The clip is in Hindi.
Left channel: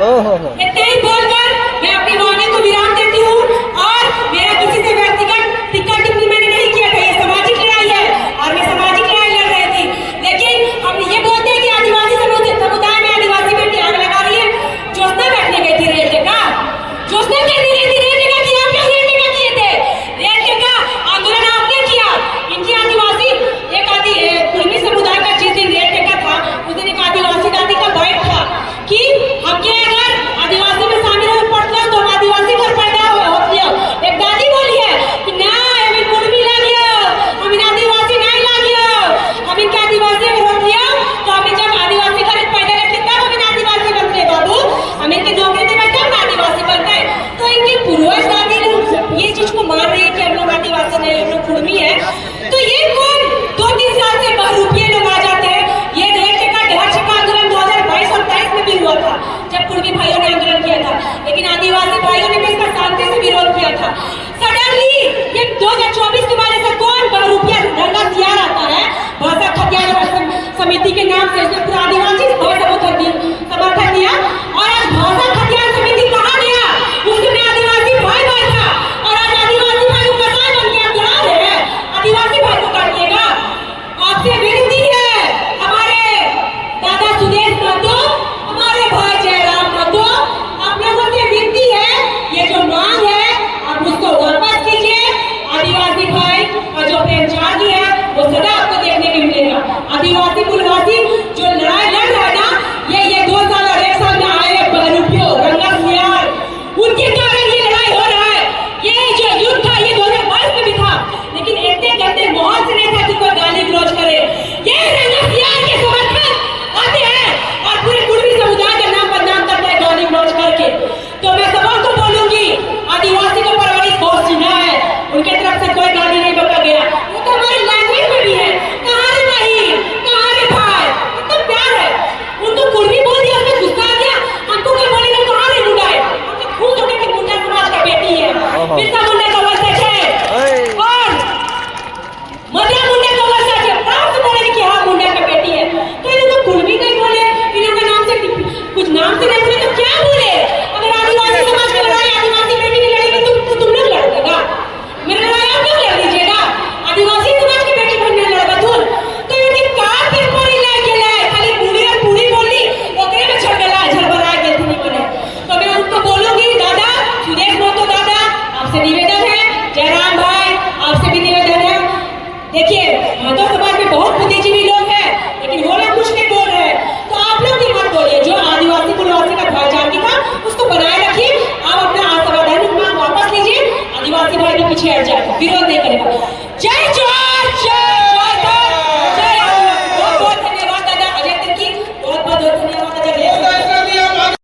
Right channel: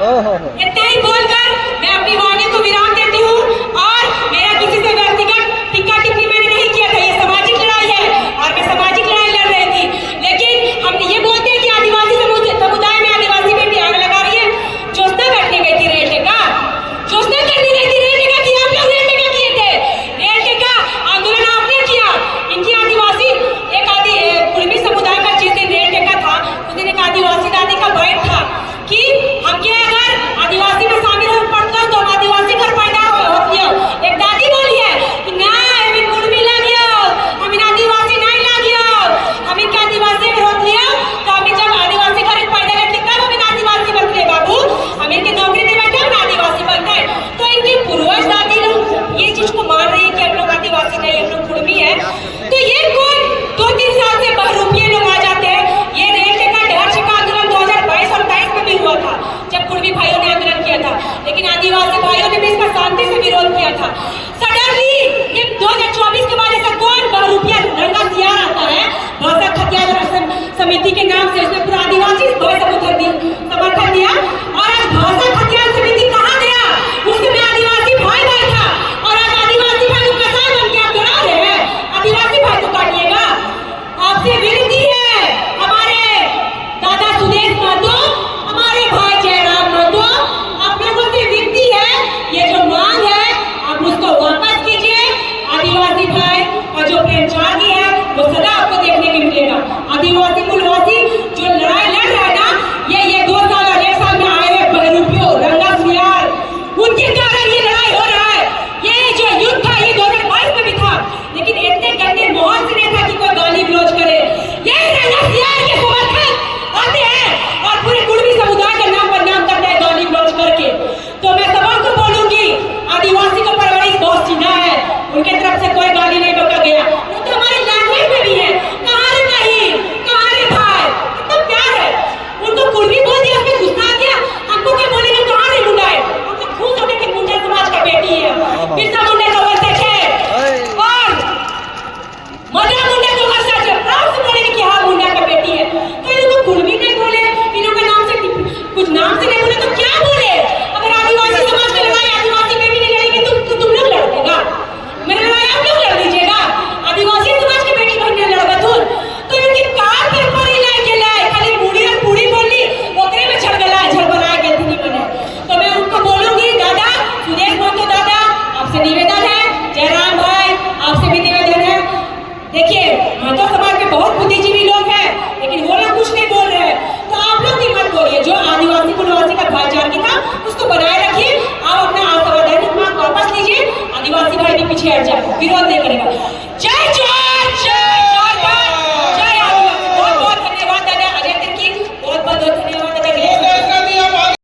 इतना ही बोलकर मैं अपनी वाणी को विराम देती हूँ और मेरा किसी से व्यक्तिगत टिक्का टिप्पणी मैंने नहीं किया था। ये सामाजिक लड़ाई है और मैं सामाजिक लड़ाई लड़ रही थी, लेकिन हम ये बोलते हैं कि आदिवासी समुदाय में आदिवासी बेटी आग लगा रही है। ज्योत्सना बैठने गई थी रेल टेका, ज्योत्सना करने गई थी रेल टेका की। आप लोग रेल टेका किए थे, रेल टेका आंदोलन आपने किया। इनकी आदिवासी एक कुर्मी समुदाय का जिस दिन रेल टेका था उस दिन एक आदिवासी दादी का बैठ था कि हमके अगर आदिवासी में शामिल हो पड़ता तो हम आदिवासी घर पैदा होती हो। एक दादी बोली है कि ना हमें कुर्मी लागियो, हम इन आदिवासी नहीं लागियो, हम इनके आदिवासी में होती हो तो हम जब आदिवासी घर पैदा करते तब हम इन आदिवासी बनते बाबू, हम इनके नौकरी में बैठे हम आदिवासी बनते हैं। तो इनकी पूर्वज दादी लोग ये चीज को मान रही है कि हम लोग आदिवासी नहीं, हम लोग कुर्मी है। तो ये कौन 2-3 साल से बहुरूपिये लोग आ जाते हैं। ये रेल टेका ढहर छक्का आंदोलन 2022 और 23 में भी हुआ था जब कुर्मी भाइयों ने आंदोलन किया था, लेकिन आदिवासी भाइयों ने भी इसका शांति से विरोध किया था। सडनली ये 2024 के बाद ऐसा कौन बहुरूपिया ढंग का सियार आता है भाषा खतियान समिति के नाम से, इसने पूरा आदिवासी समर्थन दिया